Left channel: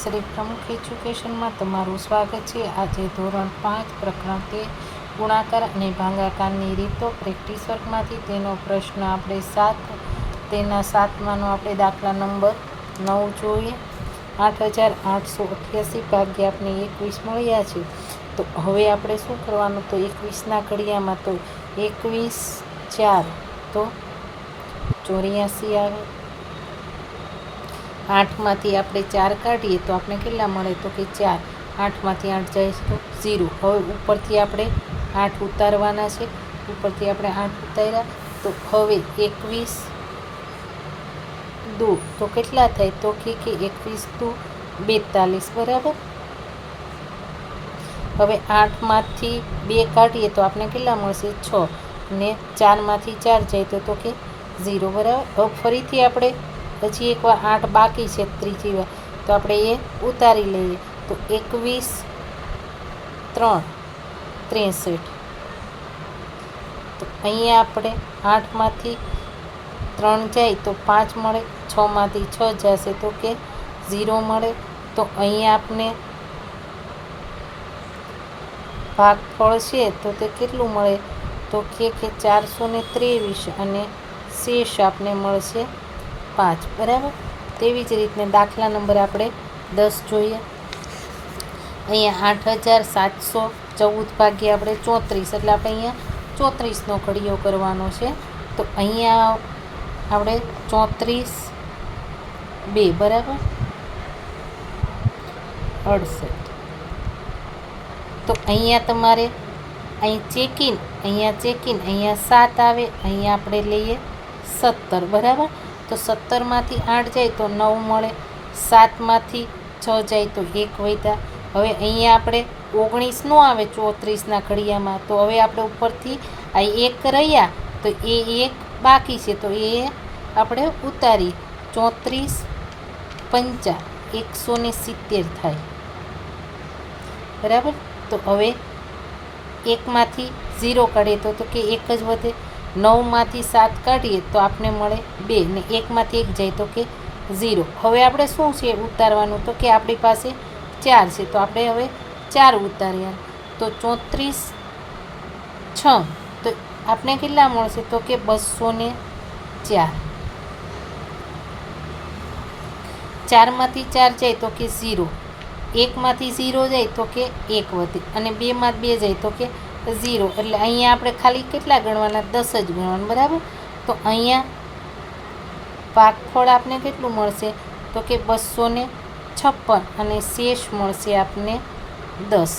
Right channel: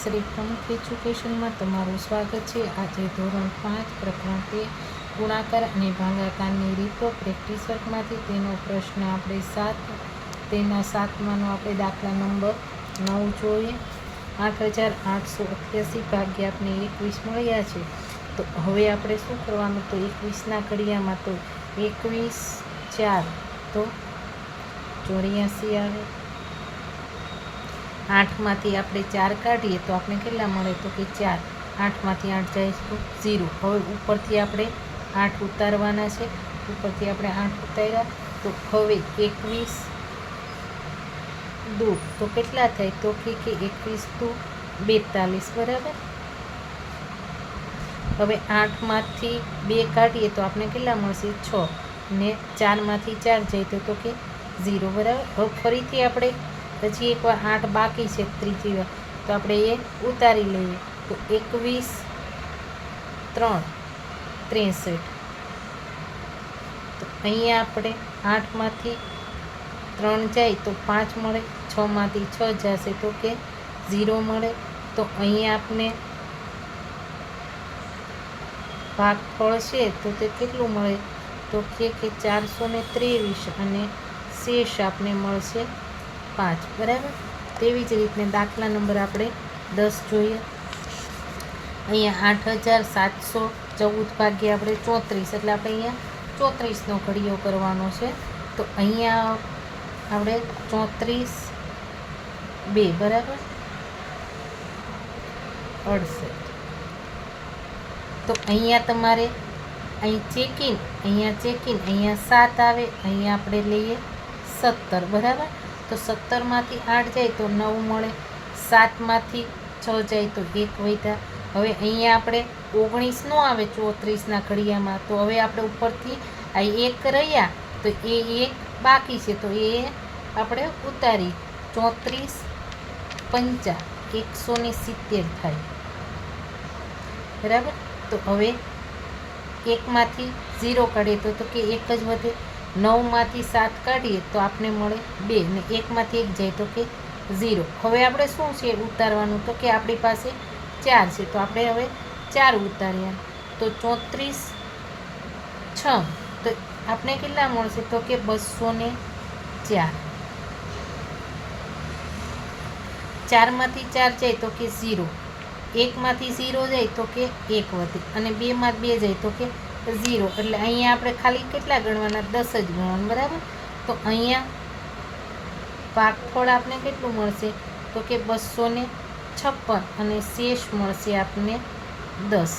શ્રી પ્રમુખ એજ્યુકેશનમાં તમારું સ્વાગત છે। આજે ધોરણ 5 પ્રકરણ 13 ગુણાકાર અને ભાગાકારની રીતો પ્રેક્ટિસ વર્કમાંથી તેનો પ્રશ્ન આપણે 7માનો આપણે દાખલા નંબર 9 જોઈએ। 8888 ભાગ્યા આપણે 21 મળ્યા છે। તો હવે આપણે શું કરવાનું, તો 21ના ઘડિયામાં તો 21 4 તો 84 આવે। 8માંથી આપણે 4 કાઢીએ તો આપણે કેટલા મળે, તો કે 4। 8માંથી 8 જાય તો 0। હવે ઉપરથી આપણે 8 ઉતારવાના છે, ઉપરથી આપણે 8 ઉતાર્યા તો હવે 21 2 તો કેટલા થાય, તો કે 21 2 42 બરાબર। હવે 8માંથી 2 કાઢીએ તો આપણે કેટલા મળશે, 6 ને 4માંથી 4 જાય તો કે 0 બરાબર। હવે ફરીથી આપણે હજી એકવાર 8 બાકી છે ત્રીજી વાર, તો આપણે એ ઉતારી લઈએ તો 21 3 63। તો અહીંયા આપણે 8માંથી 3 જાય તો 5 મળે, 6માંથી 6 જશે તો કે 0 મળે। તો અહીંયા આપણે ભાગફળ છે તો તે કેટલું મળે, તો કે 423 અને શેષ આપને મળશે 5 બરાબર। તેવી જ રીતને દાખલા નંબર આપણે 10 જોઈએ। અહીંયા 8714 ભાગ્યા આપણે 34, એટલે આપણે અહીંયા 34નો ઘડિયો કરવાનો છે। તો અહીંયા આપણે 34 2 બરાબર 68। તો અહીંયા તમારે અહીં ચેકિન, અહીંયા 7 આવે, અહીંયા આપણે લઈએ 17 બરાબર। તો 17માંથી 8 જાય તો 9 મળે, 7માંથી 6 જાય તો 1 વધ્યા। હવે અહીંયા આપણે 19 નો આવે 34ના ઘડિયામાં, તો હવે આપણે ઉપરથી આ 1 રહ્યા તો એ 1 બાકી છે તો એ આપણે ઉતારી 34 5 170 થાય બરાબર। તો હવે 1માંથી 0 કાઢીએ તો કે 1 જ વધે, 9માંથી 7 કાઢીએ તો આપણે મળે 2 ને 1માંથી 1 જાય તો કે 0। હવે આપણે શું છે ઉતારવાનું, તો કે આપણી પાસે 4 છે તો આપણે હવે 4 ઉતાર્યા તો 34 6 તો આપણે કેટલા મળશે, તો કે 204। 4માંથી 4 જાય તો કે 0, 1માંથી 0 જાય તો કે 1 વધે અને 2માંથી 2 જાય તો કે 0। એટલે અહીંયા આપણે ખાલી કેટલા ગણવાના, 10 જ ગણવાનું બરાબર। તો અહીંયા ભાગફળ આપને કેટલું મળશે, તો કે 256 અને શેષ મળશે આપને 10।